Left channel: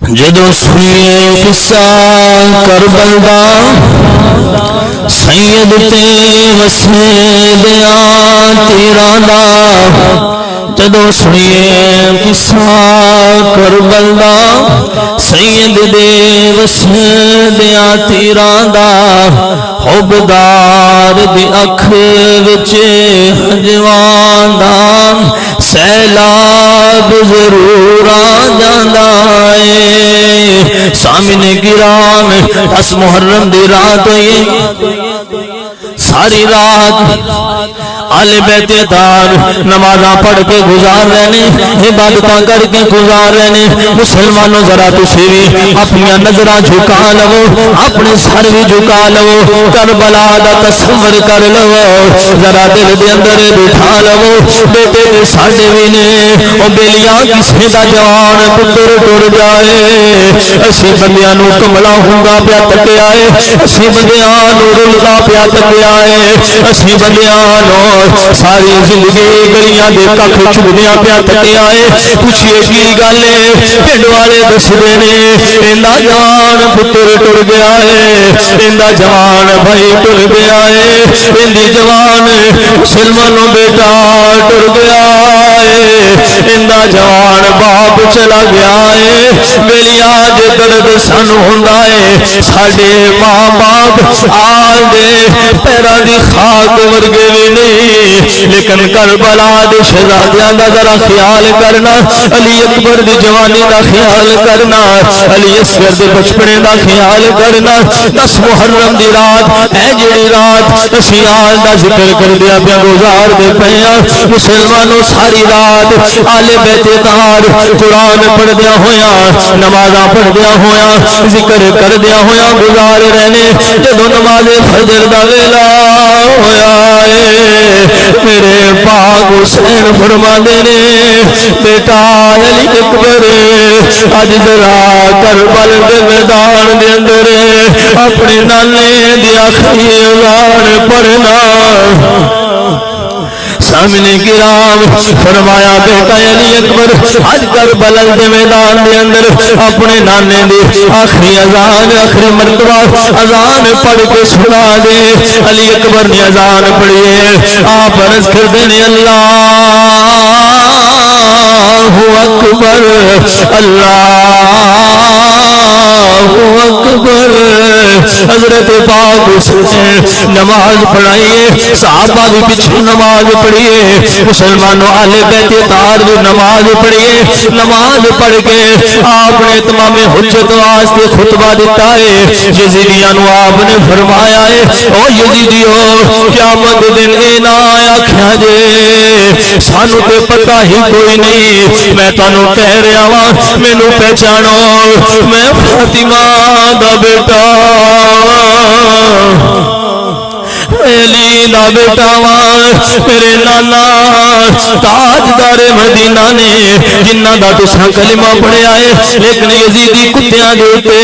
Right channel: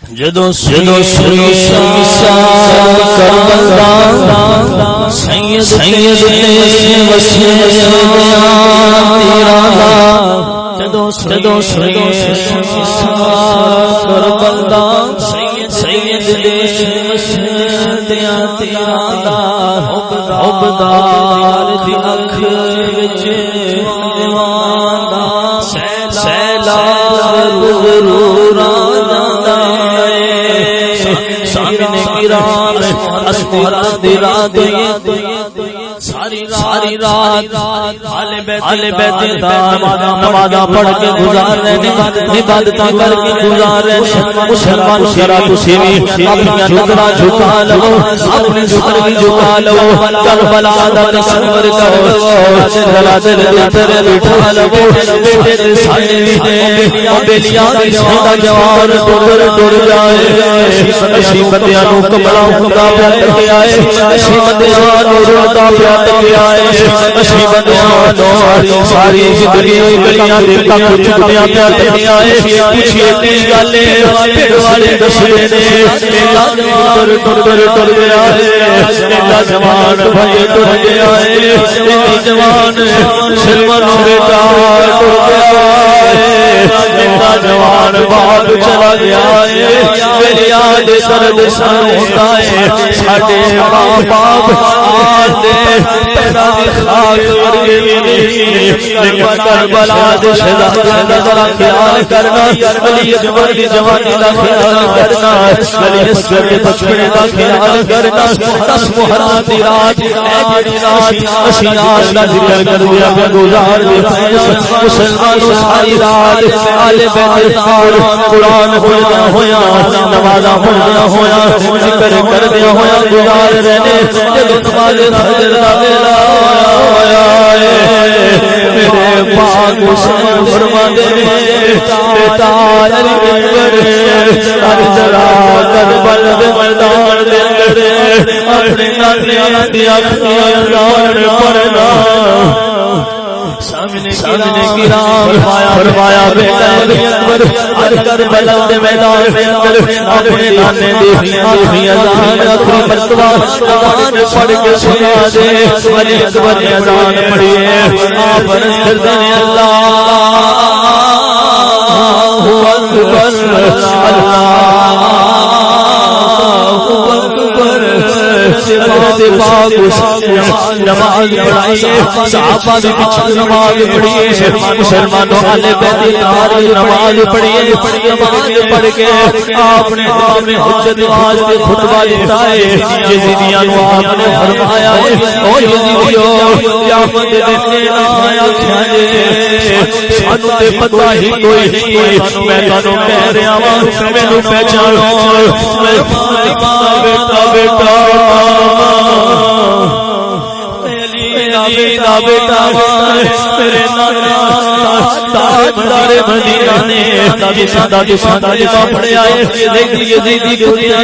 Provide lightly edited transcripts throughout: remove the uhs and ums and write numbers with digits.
جدو سنی قصہ کربلا سید تے وسیع بیان تیرا نا جدو سنی قصہ کربلا سید دے وسیع بیان تیرا دا حبدار دی اکھ وچ حجوان دا سیلاب ضرور آ جاندا اے سامنے گرام اس محرم دی رات ساری رات آل بیت دار نمازاں پڑھ کے گزار رہے ہیں عبادتاں کر کے گزار رہے ہیں مسلمانوں ذرا تسی بھی اپنی نظراں جھکا لو اپنے سر بھی جھکا لو کربلا دا تصور کر لو ذرا دل دے اندر اٹھا لو بیٹے دے ساڈے بھی نے او بیلیاں کسے دا جوان پتر ٹر جائے اسی بندیاں نوں کملا ہوندا پیا تکیا اے اسی بندیاں نوں روندا پیا تکیا اے اسی بندیاں نوں ساری زندگی گلیاں دے ککھ چگیاں پیا تکیا اے پوچھئے کی گل اے پنڈ والے دسدے نے ایندا جوان پتر ٹر گیا اے ایندا جوان بھائی ٹر گیا اے ایندی جوان مسلمانوں بیٹا ٹر گیا اے ایندا جوان باپ چلا گیا اے میری آج درد سانو ہوندا اے ساڈے ماں باپ آدے پیرا دی خاک ورگے نے لیکن کربلا دے شہزادیاں دا ذرا خیال کرنا علی اکبر دی جوانی دا خیال کرنا علی اصغر دے بچپنے دا خیال کرنا 10 محرم دی رات اے جڑی رات اسی آج دا ذکر کر دیا پیا گزار دے پیا مسلمانوں ساری رات آل بیت دار قرآن پڑھ دیا ہویا نمازاں پڑھ دیا ہویا ذکر کر دیا ہویا گزار رہنے جدو نماز فجر دا ویلا ہویا میرے پاک حسین فرماندے نے بیٹا علی اکبر اج ذرا کربلا دے میدان دے اندر اپنے نانے دی آخری اذان پڑھنا سامنے گرام فرمایا بیٹا علی اکبر اج کربلا دے میدان دے اندر اپنے نانے دی آخری اذان آخری مرتبہ اذان پڑھ کے سنا دے علی اکبر نے اذان پڑھی آپ عرض کرتے ہیں اللہ اکبر اللہ اکبر حضرت پاک حسین نماز پڑھائیے صحابہ بھی پیچھے نماز پڑھیے مسلمانوں اہل بیت دار بھی نماز پڑھیے نماز پڑھ کے آپ نے تمام حجت واسطے خطبہ دیتا ہے یزیدیاں نو آپ نے فرمایا ہے او یزیدیو قیامت دن اے نہ آکھیا جے سانو تے پتہ ہی کوئی نہیں میں تانوں کہہ رہا ہاں مینوں پہچانو میں فاطمہ دا بیٹا علی دا بیٹا میرے نانا تاجدار مدینہ نے جنہ دا تساں کلمہ پڑھیا ہے لیکن یزیدی کتیاں دے اوتے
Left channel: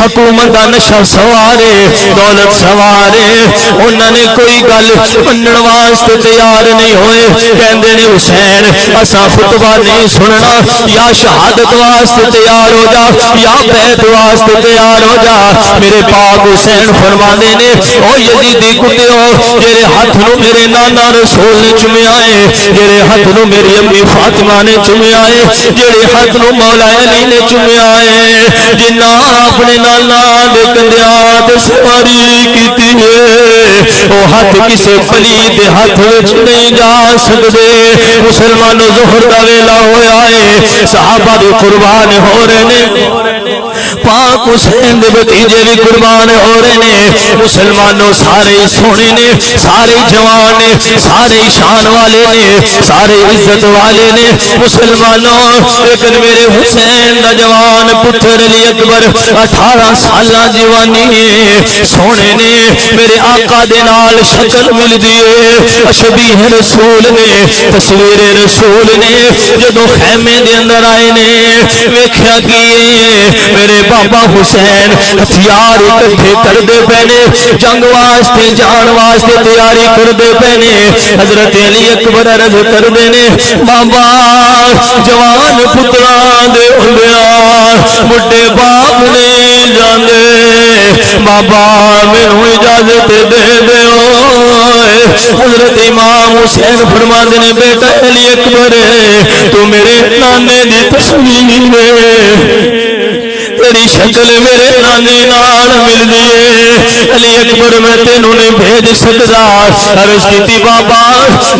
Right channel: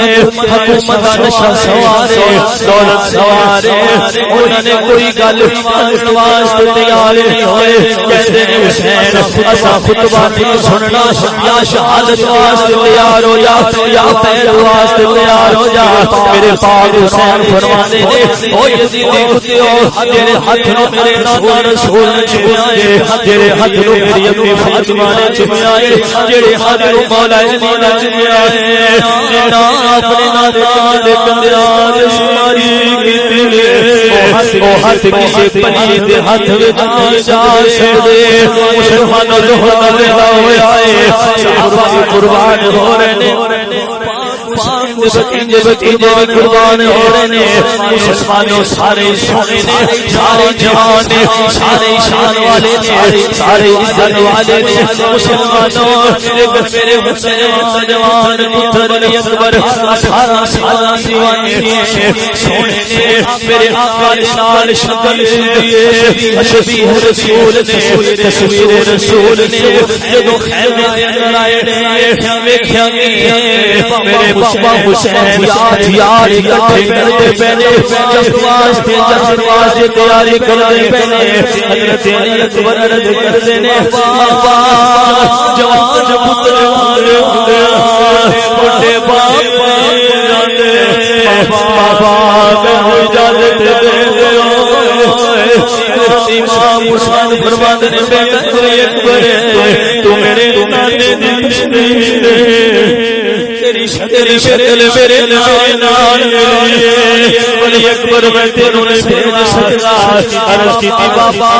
حکومت دا نشہ سوارے دولت سوارے انہاں نے کوئی گل منن واسطے تیار نہیں ہوئے کہندے نے حسین اساں خطبہ نہیں سننا یا شہادت واسطے تیار ہو جا یا بیعت واسطے تیار ہو جا میرے پاک حسین فرمانے نے او یزیدی کتیوں میرے ہاتھ نو میرے نانا رسول نے چومیا ہے میرے ہاتھ نو میری امی فاطمہ نے چومیا ہے میرے ہاتھ نو مولا علی نے چومیا ہے جنہ اپنے نانا دے کندیاں تے سواری کیتی ہے وہ ہاتھ کسے پلی دے ہاتھ وچ نہیں جا سکدے مسلمانوں ظہر دا ویلا ہویا ہے صحابہ دے قربان ہو رہے ہیں پاک حسین دے بھتیجے بھی قربان ہو رہے ہیں مسلمانوں سارے سونے نے سارے جوان نے سارے شان والے نے سارے عزت والے نے مسلمانوں لیکن میرے حسین دا جوان پتر علی اکبر 18 سالہ جوانی سونے نے میرے آقا دے نال شکل مل دیے شبیہ رسول نے تصویر رسول نے جدو خیمے دے اندر آئے نے ویکھیا کہ میرے بابا حسین ہتھیار اکٹھے کردے پہنے جنگ واسطے جان واسطے تیاری کردے پہنے حضرت علی اکبر عرض کردے نے بابا جوان پتران دے ہوندیاں بڑے بابا مینوں اجازت دے دیو حضرت امام حسین فرماندے نے بیٹا علی اکبر تو میرے نانے دی تصویر تیری شکل میرے نانے نال مل گئی علی اکبر میں تینوں نے بھیج سکتا عرض کی بابا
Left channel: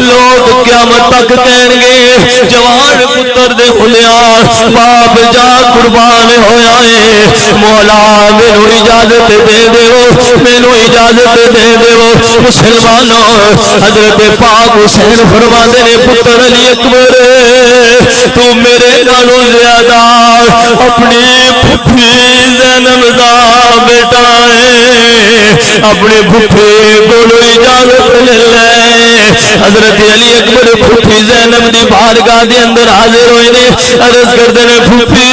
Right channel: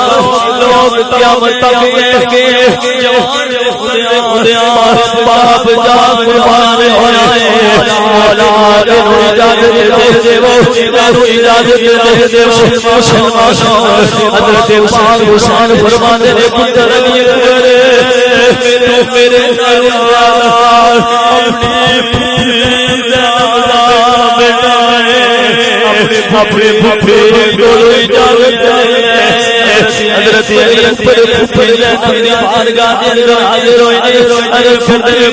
لوگ قیامت تک دین گے جوان پتر دے ہولیاں باپ جا قربان ہویا ہے مولا مینوں اجازت دے دیو مینوں اجازت دے دیو مسلمانوں حضرت پاک حسین فرماندے نے پتر علی اکبر تو میرے نالوں زیادہ اپنی پھپھی زینب دا بیٹا ہے اپنے پھپھی کو اجازت لے حضرت علی اکبر پھپھی زینب دی بارگاہ دے اندر حاضر ہوئے نے عرض کردے نے پھپھی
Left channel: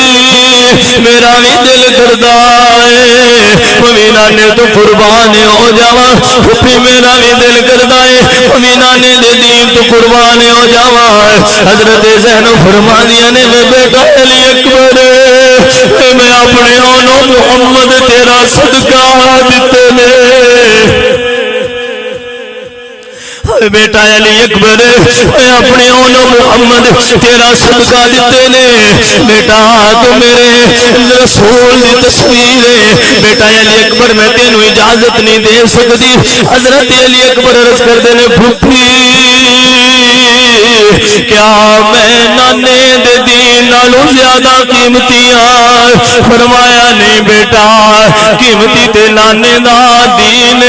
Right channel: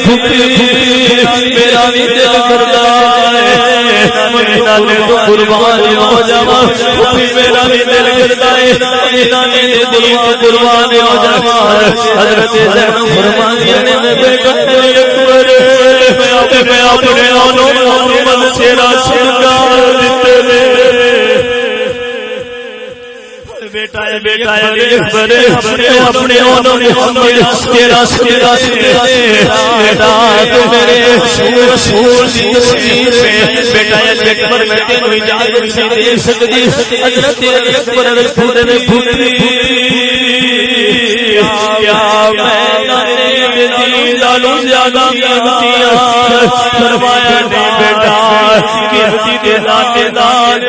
میرا بھی دل کردا ہے میں نانے تو قربان ہو جاواں پھپھی میرا بھی دل کردا ہے میں نانے دے دین تو قربان ہو جاواں حضرت زینب فرماندیاں نے بیٹا علی اکبر میں اپنے اونوں محمد تیرا صدقہ دتے نے بیٹا علی اکبر میں اپنے اونوں محمد تیرا صدقہ دیتے نے بیٹا تمہیں رسول دی تصویر بیٹا علی اکبر میں تینوں اجازت نہیں دے سکتی حضرت علی اکبر عرض کردے نے پھپھی کیا میں نانے دے دین نالوں زیادہ قیمتی ہاں فرمایا نہیں بیٹا قیمتی تے نانے دا دین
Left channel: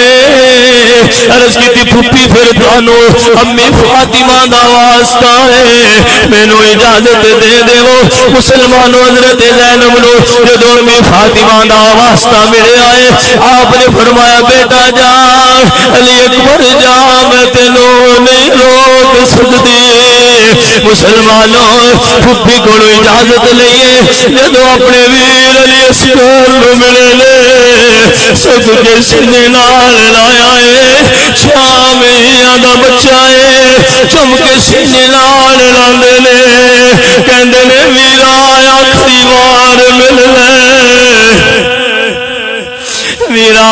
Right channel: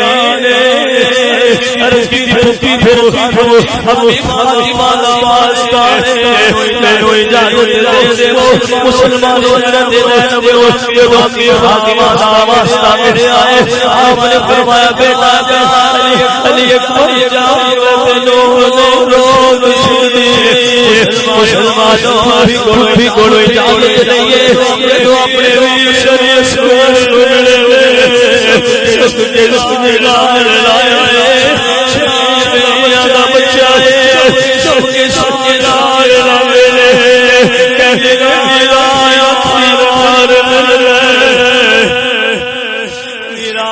عرض کی پھپھی پھر تانوں امی فاطمہ دا واسطہ ہے مینوں اجازت دے دیو مسلمانوں حضرت زینب نو جدوں امی فاطمہ دا واسطہ ملے آئے آپ نے فرمایا بیٹا جا علی اکبر جا میں تینوں نہیں روک سکتی مسلمانوں پھپھی کو اجازت لئیے جدوں اپنے ویر علی اکبر ملے لے سب کے سینے نال لایا ہے شام دا بچہ ہے چونکہ سینے نال لاندے نے کہندے نے میرا آخری وار مل لے میرا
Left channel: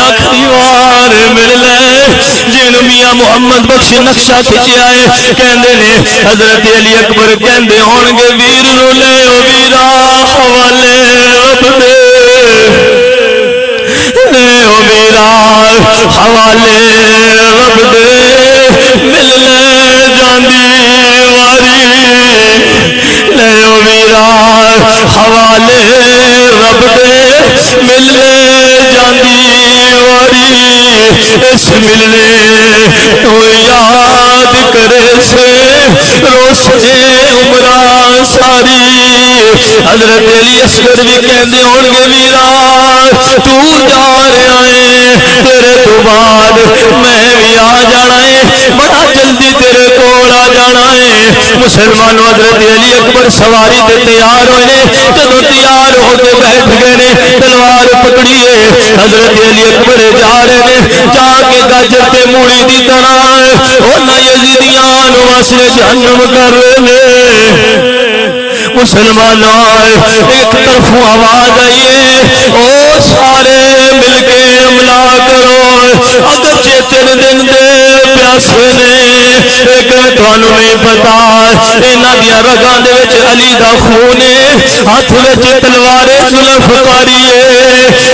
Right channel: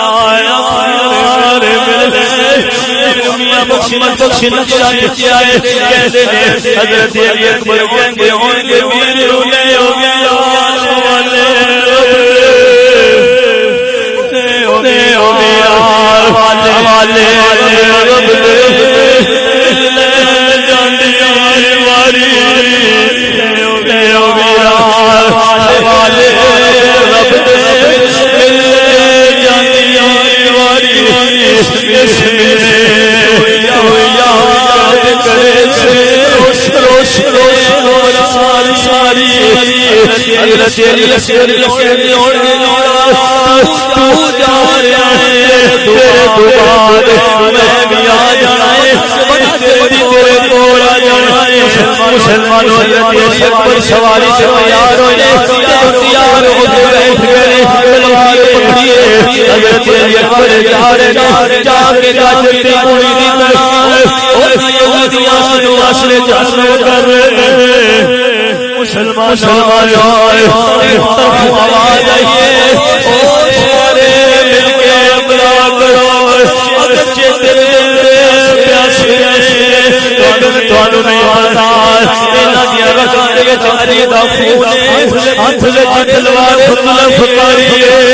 آخری وار مل لے جنوں میاں محمد بخش نقشہ کھچیا ہے کہندے نے حضرت علی اکبر کہندے ہون گے ویر نو لے او ویرا حوالے اپنے لے او ویرا حوالے رب دے مل لے جاندے واری لے او میرا حوالے رب دے مل لے جاندی واری اس ملے تو یاد کرے سے روشے عمرہ ساری حضرت علی اصغر بھی کہنے ہونے میرا تو جا رہا ہے تیرے تو بعد میں بھی آ جانا ہے بڑا جلدی تیرے کول آ جانا ہے مسلمانوں حضرت علی اکبر سواری سے تیار ہوئے جب تیار ہو کے بیٹھ گئے تلوار پکڑیے حضرت علی اکبر جا رہے ہیں جا کے گاجر کے موڑی دی طرح انہیں یزیدیان واسے جہنم کر لے مسلمانوں ایک طرف آواز آئیے او سارے مل کے حملہ کرو اگرچہ تین دن دے پیاسے لیکن تانوں نہیں پتا انہاں دی رگاں دے وچ علی دا خون ہاتھ وچ تلوار فقاری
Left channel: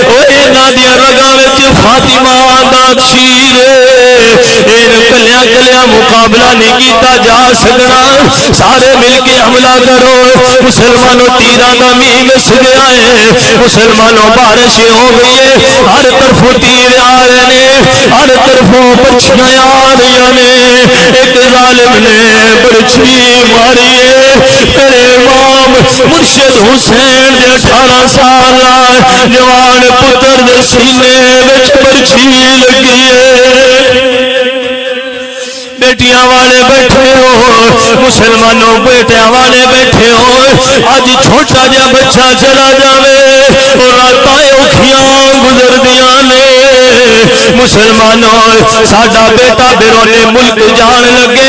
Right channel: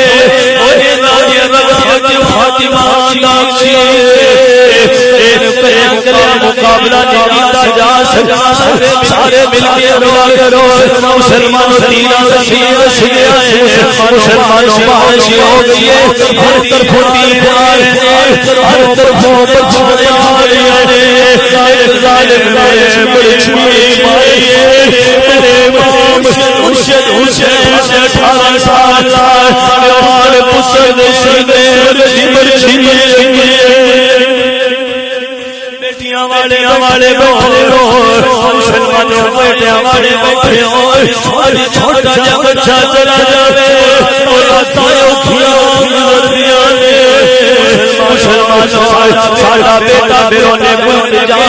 او انہاں دی رگاں وچ فاطمہ دا شیر کلیاں کلیاں مقابلہ نہیں کیتا جا سکا سارے مل کے حملہ کرو مسلمانوں تیرہ کا وس گیا ہے مسلمانوں بارش ہو گئی ہر طرف تیر آ رہے ہیں ہر طرف پچھلے آ رہے ہیں ایک ظالم نے برچھی ماری تیرے امام مرشد حسین 18 سال جوان پتر دے سینے وچ برچھی لگی بیٹیاں والے بیٹھے ہو مسلمانوں بیٹیاں والے بیٹھے ہو آج چھوٹا جا بچہ چلا جاوے اور راتیں اکھیاں گزردیاں نے مسلمانوں ساڈا بیٹا بیرون ملک جان لگے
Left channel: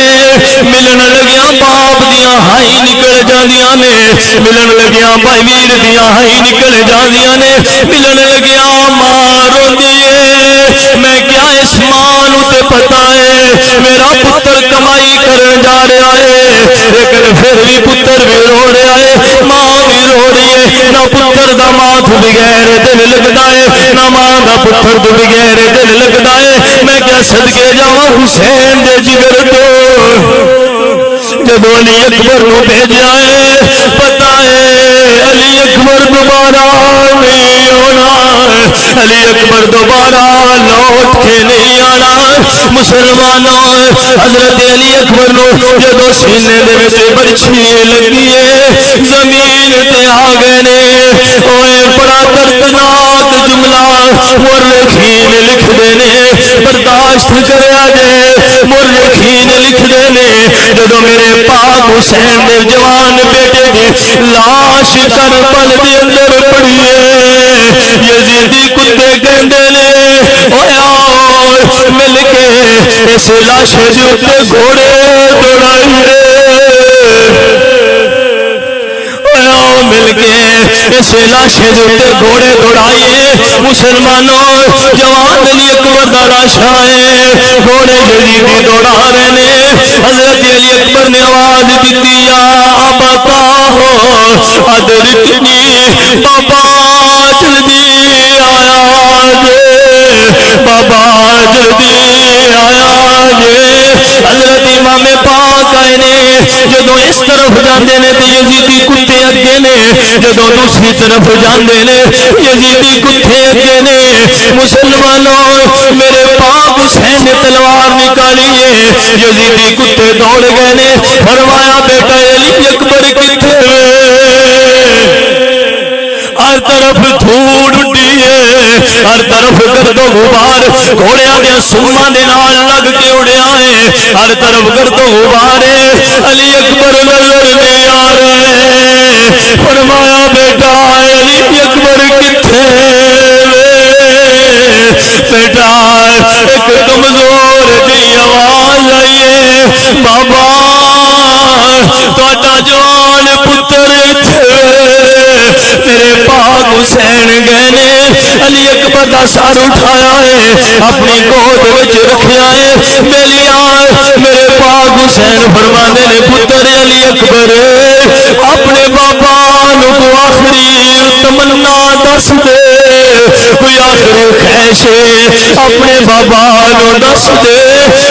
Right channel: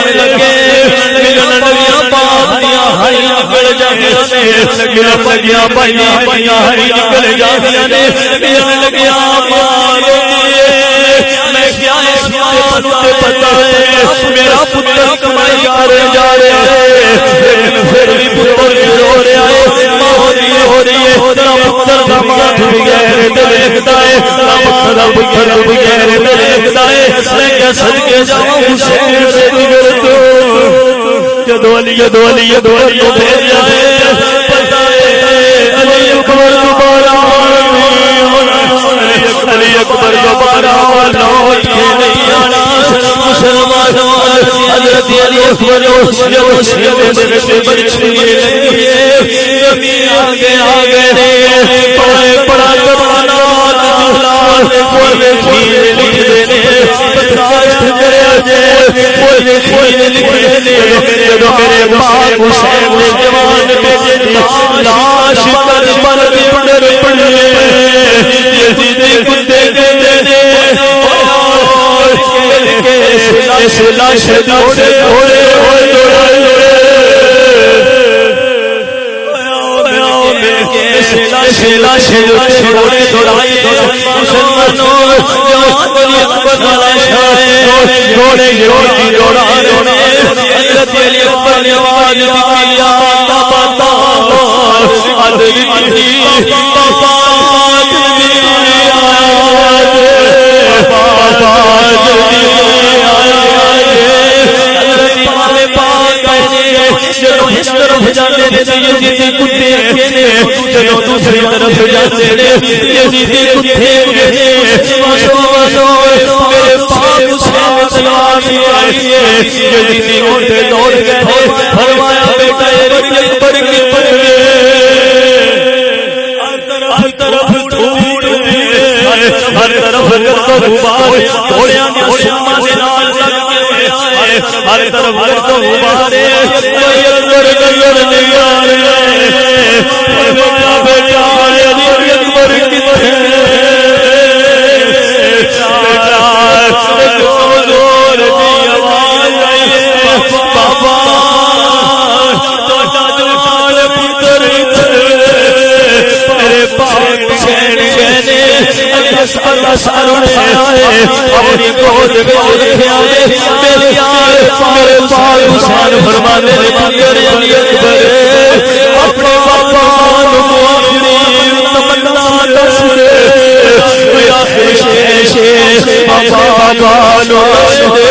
ملن لگیا باپ دیاں ہائی نکل جاندیاں نے ملن لگیا بھائی ویر دیاں ہائی نکل جاندیاں نے ملن لگیا ماں روندی سینے دے وچ برچھی لگی ہے زمین تے آ گئے اوے بڑا دردناک جملہ مورخین لکھ دے نے برداشت کریا جے مورخین لکھ دے نے جدوں میرے پاک حسین دے جوان بیٹے دی لاش کربلا دے اندر پڑی یزیدی کتے کہندے نے او یار مل کے اس لاش دے گھوڑے دوڑائے مل کے اس لاش دے گھوڑے دوڑائے مسلمانوں جوان نے ایک بڑا شاعر گھوڑے یزیدی دوڑا رہے حضرت علی اکبر نے آواز دیتی یا بابا تاہو ادرکنی بابا جلدی آیا جے بابا جلدی آیا جے حضرت امام پاک آئے نے جدو اس طرف جاندے نے یزیدی کتے اگے نے جدو دوسری طرف جاندے نے یزیدی کتے اگے نے مسلمانوں میرے پاک حسین نے تلوار نکالی ہے یزیدی کتے دوڑ گئے نے فرمایا بیٹا علی اکبر کتے ہر طرف دھوڑ اٹھی ہے ہر طرف گرد و غبار گھوڑیاں دے سوما دے نال لگ کے اڑیا ہے ہر طرف گرد و غبار علی اکبر لڑ گئے آ رہے فرمایا بیٹا علی اکبر کتے بیٹا کمزور کی آواز آئی ہے بابا تو جوان پتر تیرے پاک حسین گئے نے علی اکبر کا سر اٹھایا ہے اپنی گود وچ رکھیا ہے میری آنکھ میرے پاک حسین فرمانے نے پتر علی اکبر اپنے بابا نو آخری تمنا دس دے کوئی آخری خواہش اپنے بابا نو دس دے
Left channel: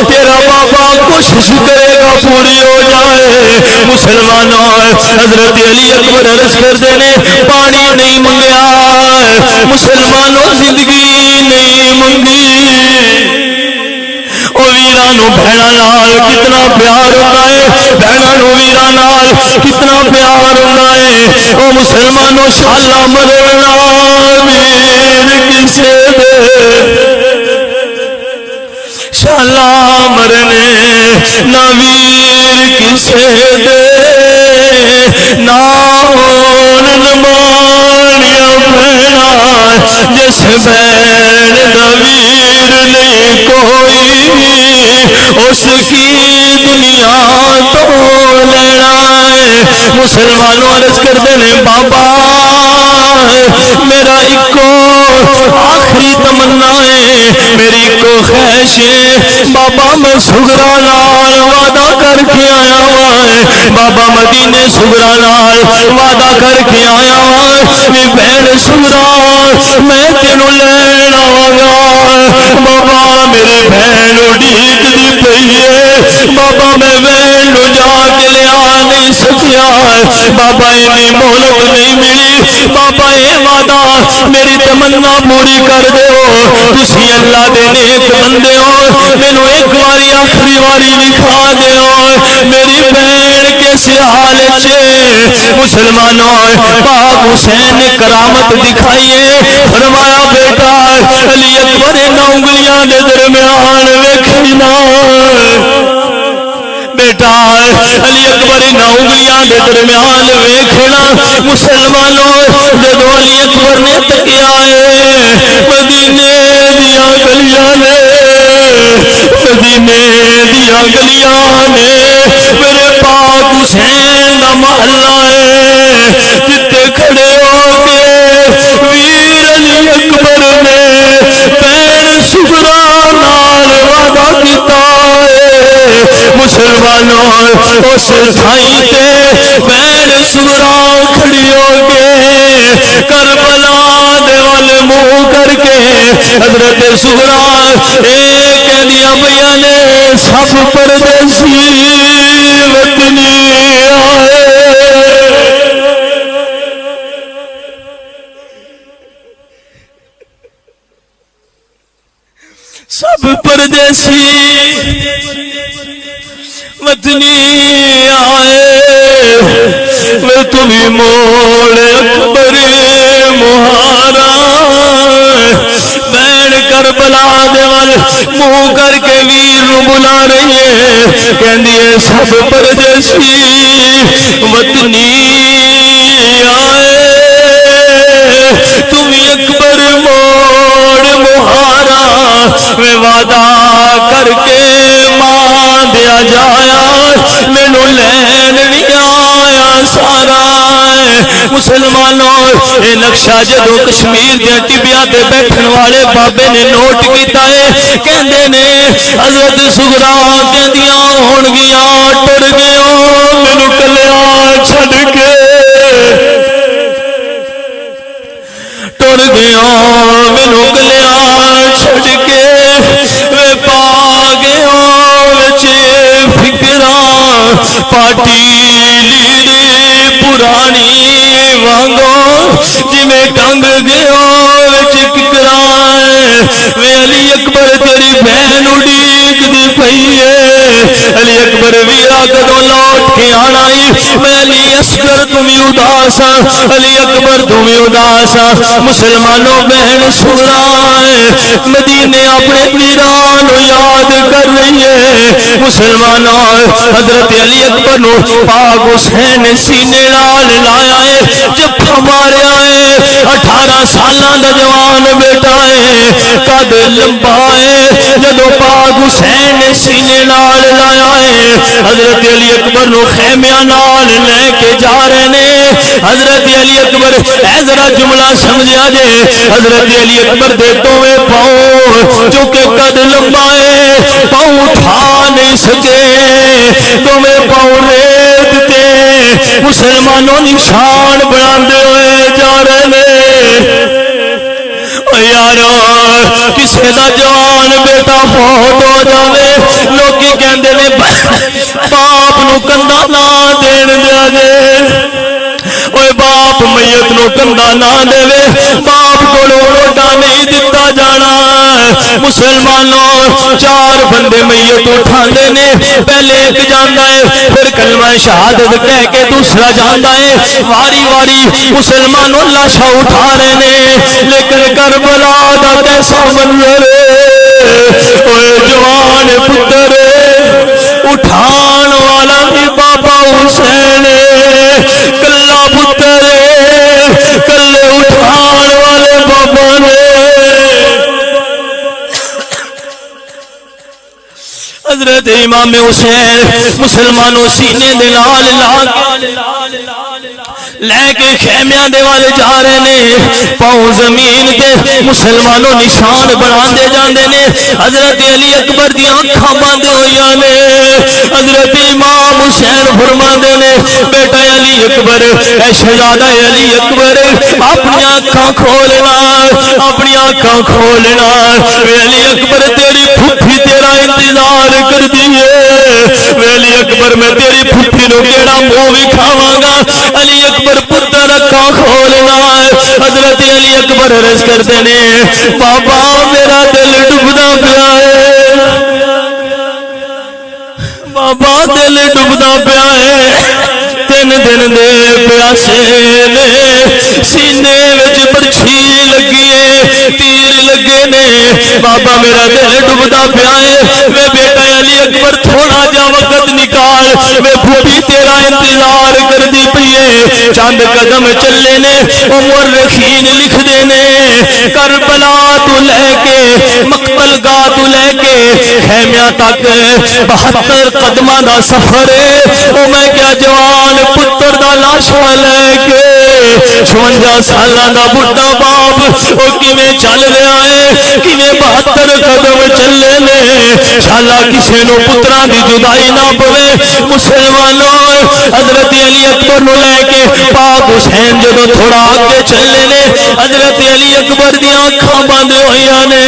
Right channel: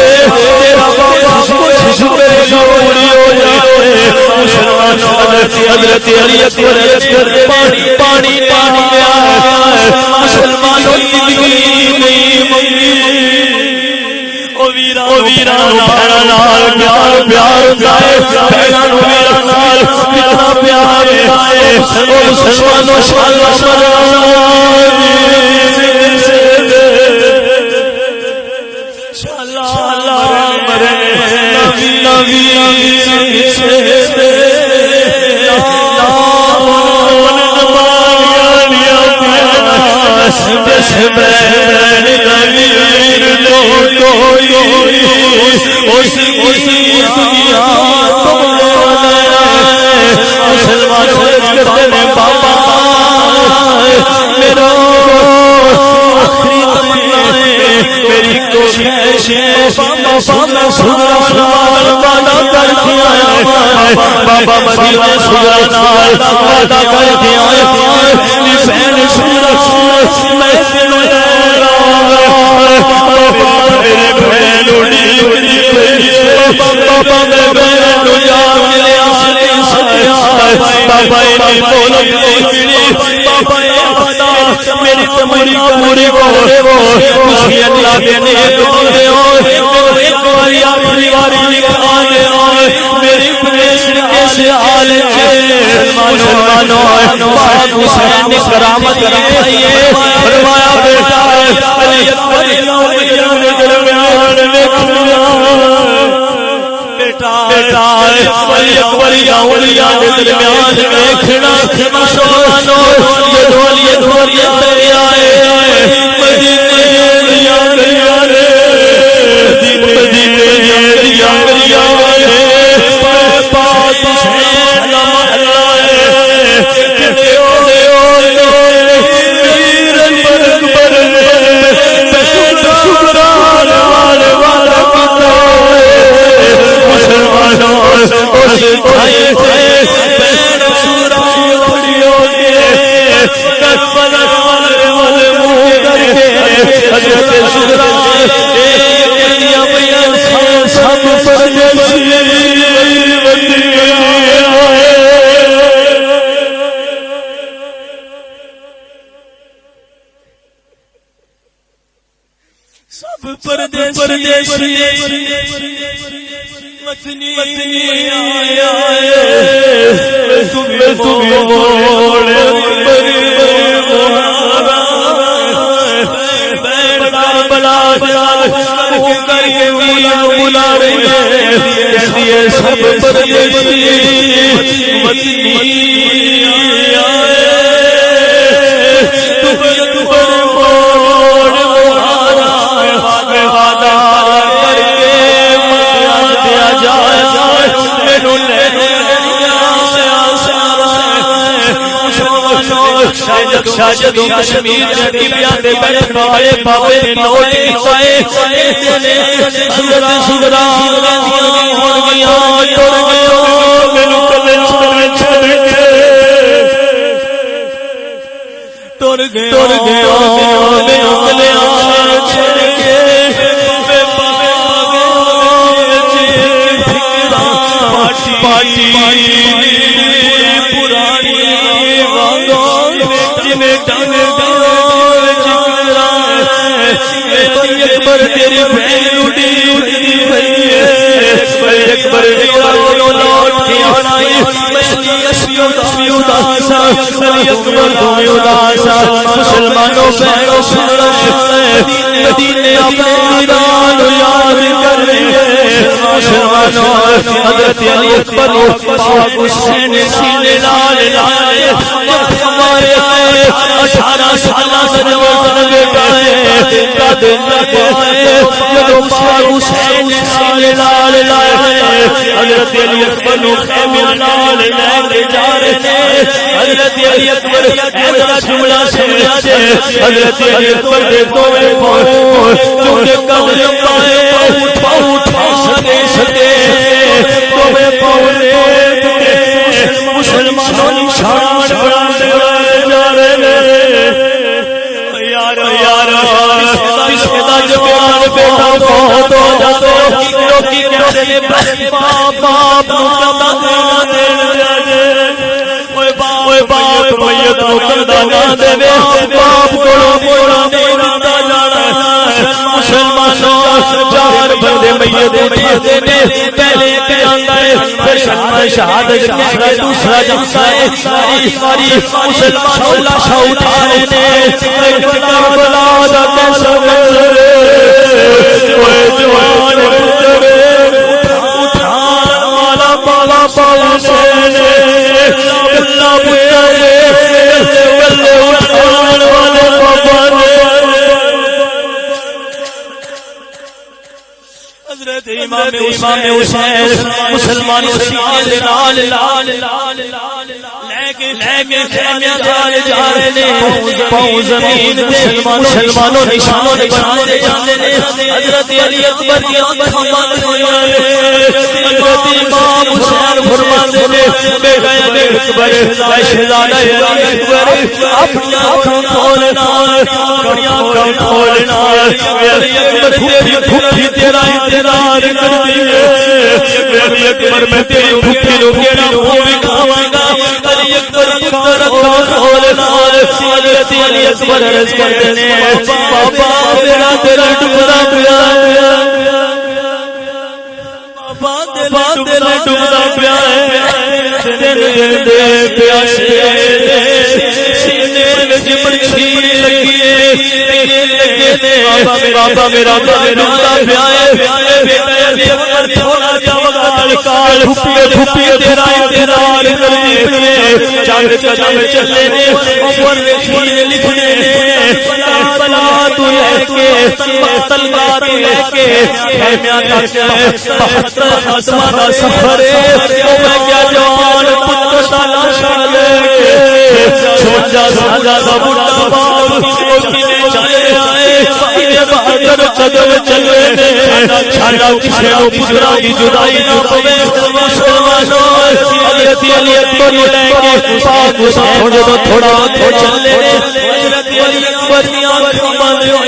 تیرا بابا کوشش کرے گا پوری ہو جائے مسلمانوں حضرت علی اکبر عرض کر دینے پانی نہیں منگیا مسلمانوں زندگی نہیں منگی او ویرانو بہنا نال کتنا پیار اگائے بہنانو ویران نال کتنا پیار اگائے او مسلمانوں شالا مرنا میر کسے دے شالا مرنے نہ ویر کسے دے نہ ہون نمانیا بہنا جس بین نویر نہیں کوئی اس کی دنیا تو لڑائے مسلمانوں عرض کرتے ہیں بابا میرا ایک آخری تمنا ہے میری ایک خواہش ہے بابا میں سگرا نال وعدہ کر کے آیا ہوں بابا مدینے سگرا نال وعدہ کر کے آیا ہوں بہن سگرا میں تینوں لے لاؤں گا بابا میری بہن اڑیک دی پئی ہے بابا میں بہن جا کے آ نہیں سکیا بابا یہ مولت نہیں ملی بابا یہ وعدہ میری تمنا پوری کر دیو تسی اللہ دے نیک بندے ہو مینوں ایک واری آخری واری دکھا دیو میری بہن کس حال چلے مسلمانوں پاک حسین نے کرامت دکھائی ہے فرمایا بیٹا علی اکبر نہ انگلیاں دے درمیان ویکھنا بیٹا علی اکبر نہ انگلیاں دے درمیان ویکھنا مسلمانوں جدوں علی اکبر نے تکیا ہے مدینے دیاں گلیاں نے مدینے دیاں گلیاں نے میرے پاک حسین دا محلہ ہے جتے کھڑے ہو کے ویر علی اکبر نے پیر سگرا نال وعدہ کیتا ہے مسلمانوں اس بھائی تے پیر سگرا کھڑی ہو کے کربلا دے والے منہ کر کے حضرت سگرا ایک دیا بھیا نے سب پردیسی وطنی سب پردیسی وطنی آئے میں تمہیں موڑ اکبر مہارا بین کربلا دیوال منہ کر کے ویر بلا رہی ہے کہنی سب پردیسی وطنی آئے تمہیں اکبر موڑ مہارا میں وعدہ کر کے مان دیا جایا مینو لین نہیں آیا سارا مسلمانوں اے نقشہ جدو کشمیر دے ٹبیاں تے بیٹھن والے بابے نے نوٹ کیتا ہے کہندے نے حضرت سغرا کہندیاں ہون گیاں ٹر گیا مینوں کلیا چھڈ کے ٹر گیا مینوں کلیا چھڈ کے میں پا گیا وچ فکراں پاٹی پرانی وانگو جی میں ٹنگ گیا چکرا علی اکبر تیری بہن اڈیک دی پئی ہے علی اکبر ویرا کدوں لوٹ کے آنا میں علی اصغر تمہیں اداسا علی اکبر تمہیں اداسا مسلمانوں بہنوں سنا مدینے اپنے ایران یاد کر رہی ہے مسلمانوں حضرت علی اکبر نو پاک حسین سینے نال لایا ہے جب ہمارے آئے 18 سالہ دا جوان بیٹا ہے قد لمبا ہے جب پاک حسین سینے نال لایا ہے حضرت علی اکبر نو خیمیاں نال لے کے جا رہے نے حضرت علی اکبر ذرا جملہ سمجھا جے حضرت علی اکبر دے دوے پاؤں جو کہ قد لمبا ہے پاؤں اٹھا نہیں سکے تمہیں پاؤں دیتے مسلمانوں نشان بڑھاندے ہوئے جا رہے نے یارو کسی دا جوان بیٹا فوت ہو جاوے لوکی کہندے نے باپ نو کندھا نہ دین دے دے اوے باپ میت نو کندھا نہ دے باپ کولوں روٹا نہیں دتا جانا مسلمانوں 4 بندے میت اٹھا دینے پہلے ایک جاندا ہے پھر کلمہ شہادت کہہ کے دوسرا جاندا ہے واری واری مسلمانوں لاشاں اٹھا رہے نے لیکن کربلا دا کیسا منظر ہے اوے جوان پتر اٹھان والا بھی بابا حسین کلا پتر کلے اٹھان والے بابا حضرت امام حسین مسلمانوں سینے دے نال لے کے خیمیاں دے والے جا رہے نے پاؤں زمین تے مسلمانوں نشان بنا دے جاندے نے حضرت علی اکبر دی آنکھاں بند ہوئیاں نے حضرت امام حسین فرماندے نے بیٹا علی اکبر اے شہزادہ علی اکبر اپنی آنکھاں کھولنا اپنی آنکھاں کھولنا علی اکبر تیری پھپھی تیرا انتظار کر دیئے علی اکبر میں تیری پھپھی نو میرا منہ وکھاواں گا علی اکبر پتر اکھاں کھولنا حضرت علی اکبر عرض کرتے نے بابا میرا دل ڈبدا پیا ہے بابا دل ڈبدا پیا ہے 3 دن دے پیاسے نے سینے وچ برچھی لگی تیر لگے نے بابا میرا دل ڈبدا پیا ہے میں بیٹا علی اکبر تھوڑا جا وقت نکال میں پھوپھی تیرا انتظار کر دی پئی چند قدم چلے نے عمر رخین لکھ دینے کربلا تو لے کے مقتل گاہ تو لے کے خیمیاں تک 72 قدمہ دا سفر میں کیا جوان پتر دا لاشا لے کے 56 سالہ دا بڑھا باپ اور کیویں چل رہا ہے کیویں 72 قدم چلے نے شالا کسی نو پترا دی جدائی نہ پوے مسلمانوں حضرت علی اکبر نو لے کے پاک حسین جدو تھوڑا آگے چلے نے حضرت علی اکبر دی آنکھاں بند ہوئیاں نے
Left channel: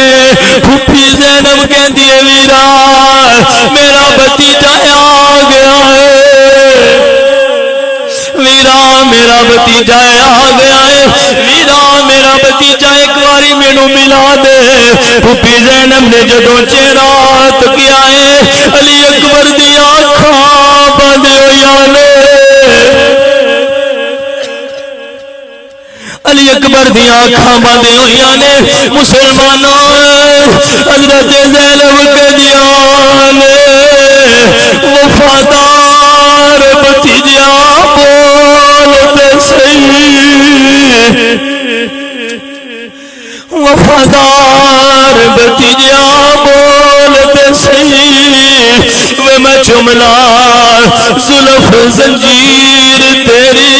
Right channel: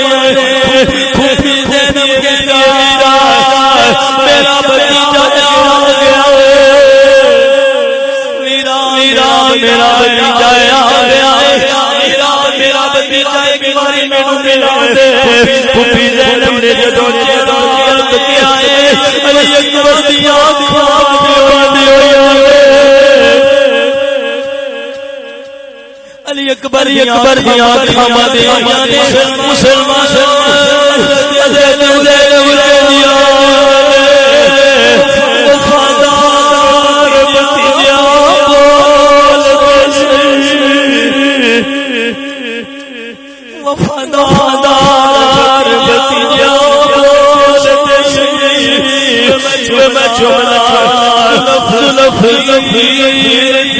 پھوپھی زینب کہہ دیے ویرا میرا بھتیجا آ گیا ہے ویرا میرا بھتیجا آ گیا ہے ویرا میرا بھتیجا ایک باری مینوں ملا دے پھوپھی زینب نے جدو چہرہ کیا ہے علی اکبر دیا اکھاں بند ہویاں نے مسلمانوں حضرت زینب کے دیوان وفادار بھتیجا بولتے صحیح وفادار بھتیجا بولتے صحیح میں جملہ زلف زنجیر تیری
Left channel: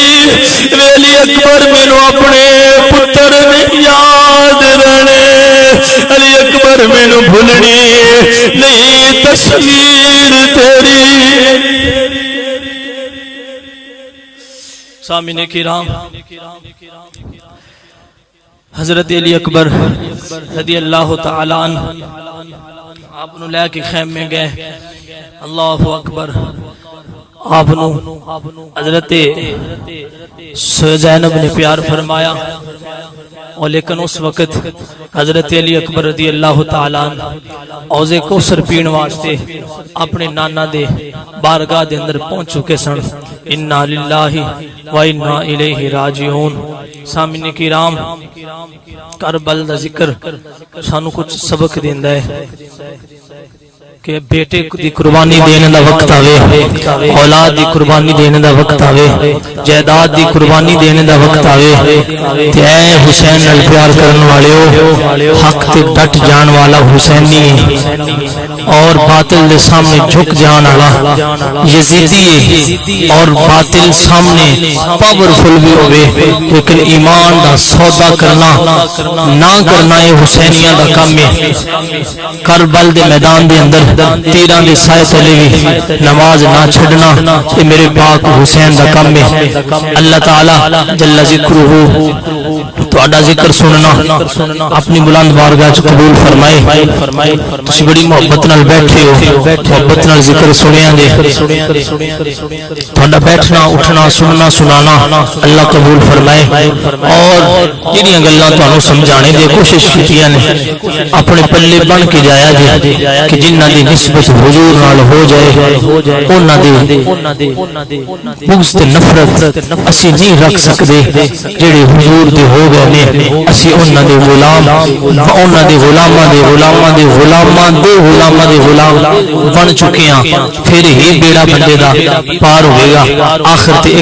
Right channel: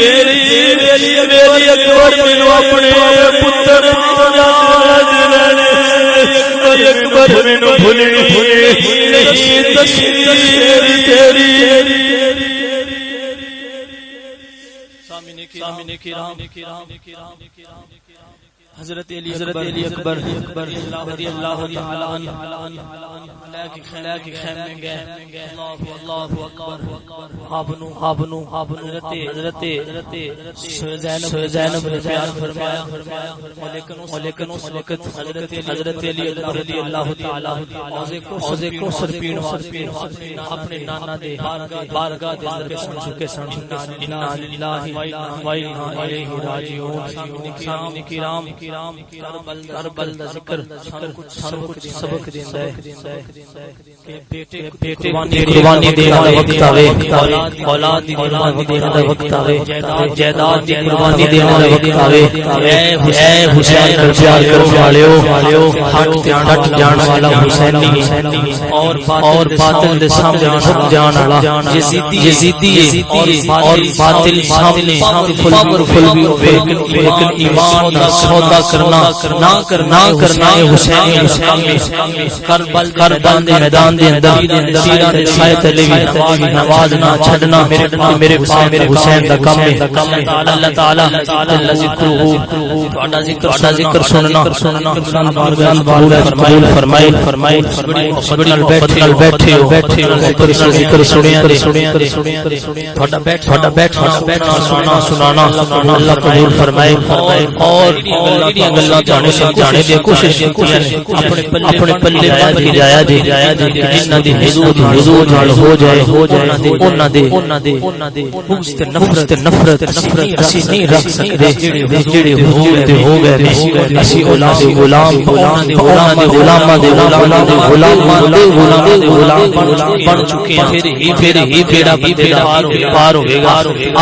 ویلی اکبر میرو اپنے پتر میں یاد رہنے علی اکبر میرو بھولنے نہیں تصویر تیری سامعین کرام حضرت علی اکبر رضی اللہ تعالیٰ عنہ آپ نو لے کے خیم میں گئے اللہ اکبر آپ نو حضرت زینب نے پیار فرمایا اور لیکن اس وقت حضرت علی اکبر رضی اللہ تعالیٰ عنہ اوزے کوثر پین واسطے اپنے نانا دے بارگاہ دے اندر پہنچ چکے سن انا للہ و انا الیہ راجعون سامعین کرام کربل دا ذکر سانو کچھ سبق دیندا ہے کہ بیٹے دی قربانی دینے دا وقت آوے اولاد دی قربانی دینے دا وقت آوے جائیداد دی قربانی دینے دا وقت آوے تے اے حسین نال پیار کرنے والے ہو حق تے ڈٹ جان والا حسینی اور باطل دے سامنے جھک جان والا یزیدی ہے اور باطل سامنے پاورفل بھی ہوئے لیکن ایمان دا سودا کرنا نہ کرنا ہے حسینیہ دا کام ہے کربل دے میدان دے اندر تیران دے سائے تلے بھی نماز نہ چھڑنا کہ میرے پاک حسین دا کام ہے اللہ تعالیٰ جل ذکرہ تو اڈا ذکر سننا اپنی بلند بارگاہ قبول فرمائی تسی بڑی محبت نال بیٹھے ہو محبت نال ذکر سنیا دے تو اڈا بیٹھنا اٹھنا سننا سنانا اللہ قبول فرمائی اور جنہی گلاں تانوں سمجھانے دی کوشش کی نے اپنے پلے بن کے جایا جی کہ جنہ دی نسبت حضور نال ہو جائے انہاں دی بغض تے نفرت اسی نہیں رکھ سکدے جڑے حضور دی ہو گئے نے اسی انہاں دے غلام انہاں دے غلاماں دے غلاماں دے غلاماں دے غلاماں دے غلام بن چکے ہیں پھر ہی بیڑا بندے گا پار ہوئے گا آخر تے